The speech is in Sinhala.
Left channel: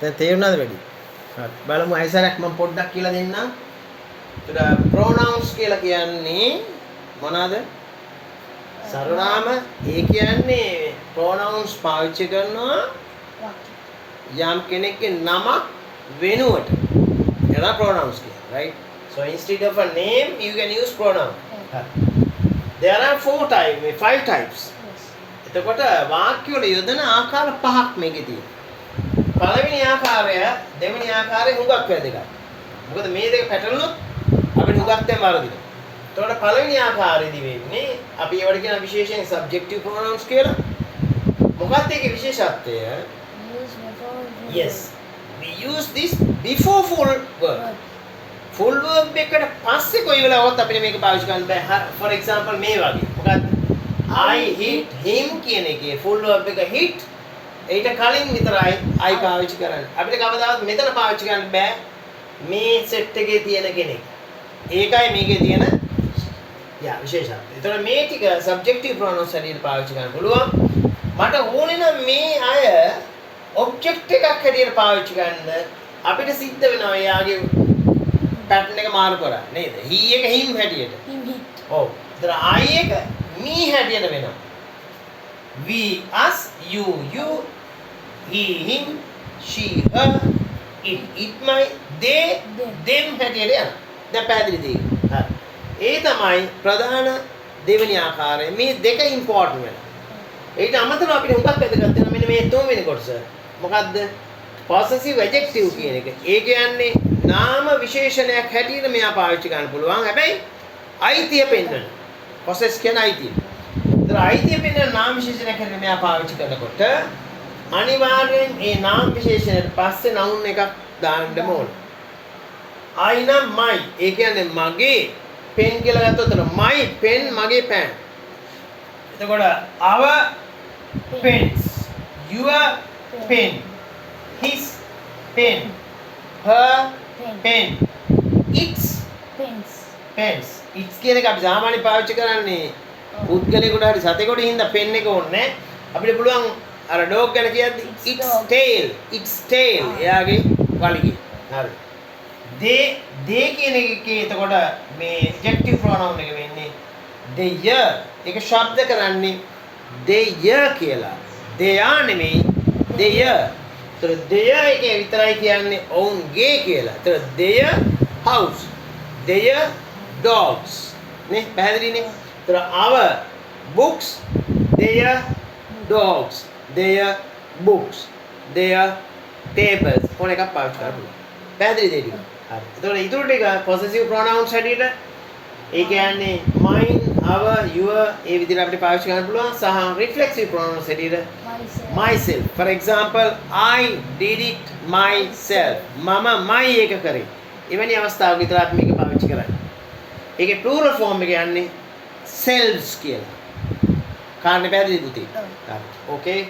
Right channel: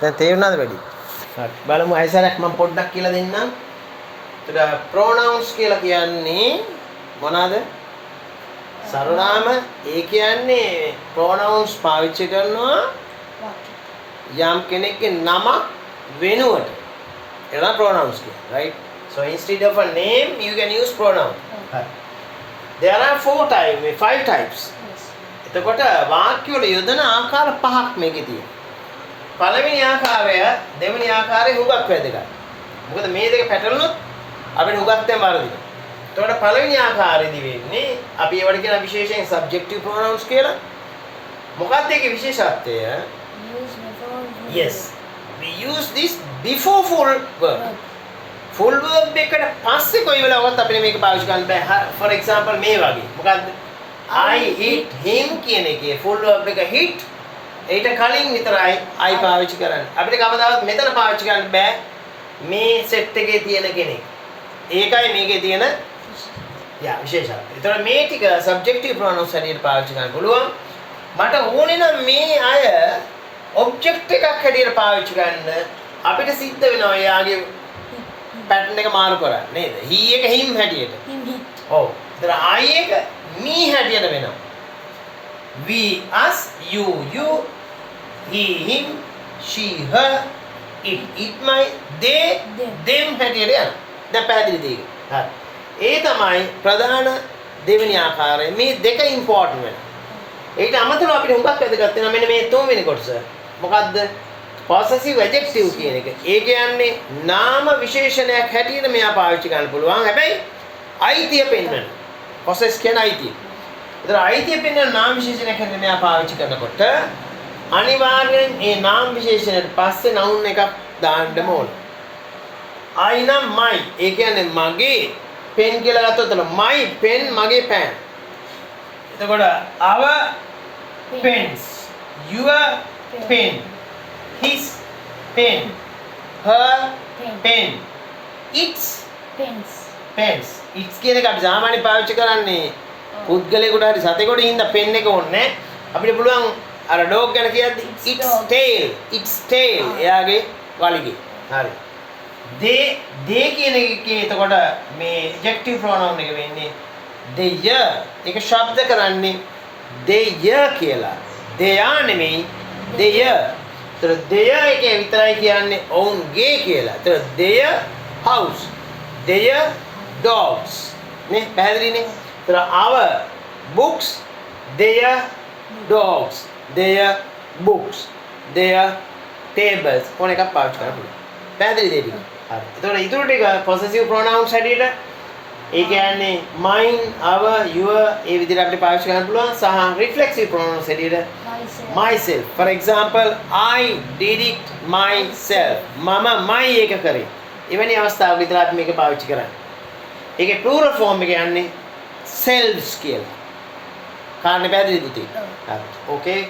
දැන් තේරුණාද වැඩි? හරි. බලමු අයසරක් මම පොඩ්ඩක් කියලා දෙන්නම්. එතකොට pronouns කියලා කියන්නේ මොනවාද? සර්වනාම. ඒ කියන්නේ pronouns පාවිච්චි කරනවා යම් කෙනෙක්ගේ නම වෙනුවට. ඒවා pronouns කියන්නේ, right? So instead of a name you can use pronoun. හරි. There are 5 types. එතකොට වාක්‍ය වල යොදන ආකාර 5ක් මේකේ තියෙනවා. පළවෙනි ආකාරය දෙවෙනි ආකාරය හුඟක් වැදගත්. මොකද මේ දෙක පැටලුනොත් අපිට හුඟක් දැන් වරදිනවා. එතකොට පළවෙනි ආකාරයේදී වෙන්නේ අපි ඒවට කියන විශේෂයෙන් subjective pronouns කියලා. මොකක්ද ඒකේ විශේෂත්වය? Yes. We use this before full verb. Full verb එකට පස්සේ කොයි වෙලාවකත් අපිට මේක පාවිච්චි කරන්න බෑ. For example මේ වගේ. මොකද්ද? I hit him කියන එකේ full verb එක hit ඊට කලින් විතරයි I පාවිච්චි කරන්නේ. අපිට කවදාවත් මෙතන පාවිච්චි කරන්න බෑ මේ සෙට් එකේ තියෙන කෙනෙක්. ඒකයි මේකේ තියෙන විශේෂත්වය. ඒතර මේ ටික subjective pronouns හැටියට පාවිච්චි කරන්න පුළුවන්. මට ඕනේ නම් මේ අය object එකක් හැටියට පාවිච්චි කරන්න අපිට සිද්ධ වෙනවා එයාගේ pattern එක මාරු කරන්න නේද? he එක him හැටියට. ඔව්. ඒතර I එක me හැටියට වෙනවා. We, us, you, he, him, she, her, it, my, they, them හැටියට යනවා. දැන් පැහැදිලිද ඒක? හරි. ඒ තමයි ප්‍රධාන දෙවෙනි ආකාරය. මේ දෙක ඉම්පෝටන්ට් වෙනවා. ඒකට අමතරව අපිට හුඟක් වැදගත් වෙනවා මෙන්න මේ තුන්වෙනි කොටස. මොකද්ද? possessive adjective කියන එක. ඒ කියන්නේ නාම විශේෂණයක් හැටියට මෙයා පාවිච්චි කරන්න පුළුවන්. හැබැයි අයිතිය පෙන්වන. possess කියන අයිතිය. ඒතර අයිතිය පෙන්වන නාම විශේෂණයක් හැටියට මෙයා පාවිච්චි කරනකොට අනිවාර්යෙන් ඒ නාම විශේෂණයට පස්සේ noun එකක් දාන්න ඕන. I නම් my. ඒ කියන්නේ මගේ pen කියලා ගත්තොත් my pen මගේ pen. එතකොට our pens, your pen, his pen, her pen, its pens. Its කියන එක අපි සාමාන්‍යයෙන් පාවිච්චි කරන්නේ පුද්ගලයෙකුට හරි සතෙකුට හින්දා pen එක ඕනේ. අපිට පුළුවන් අර dog ගැන කියද්දි its tail එයාගේ වලිගේ. හරි. they කියන එකේ එතකොට මේ adjective pronoun එක වෙන්නේ their. ඒක ශබ්ද කරන්නේ their කියලා. they are නෙමෙයි their. ඒතර their එකේ විතරයි කියන්නේ ඔවුන්ගේ කියලා. ඒතර their house, their dogs. නේ පැහැදිලිනේ? ඒතර our books, their dogs, their books, their tables. කොන එකක් පාවිච්චි කරලා. පැහැදිලිද ඒක? හරි. ඒතකොට ඊටු ටික possessive pronouns හැටියට ඒ කියන්නේ mine, our, your ඒ විදිහට අපිට පාවිච්චි කරන්න පුළුවන්. සහ reflexive pronouns හැටියට myself. For example, I did it myself. මම my එක කරේ. එවැනි අවස්ථාවක විතර අපි මේක පාවිච්චි කරන්නේ. ඒකේ plural form එක යන්නේ selves කියලා. කාරණේ පැහැදිලිද පුතේ? හරි. Okay.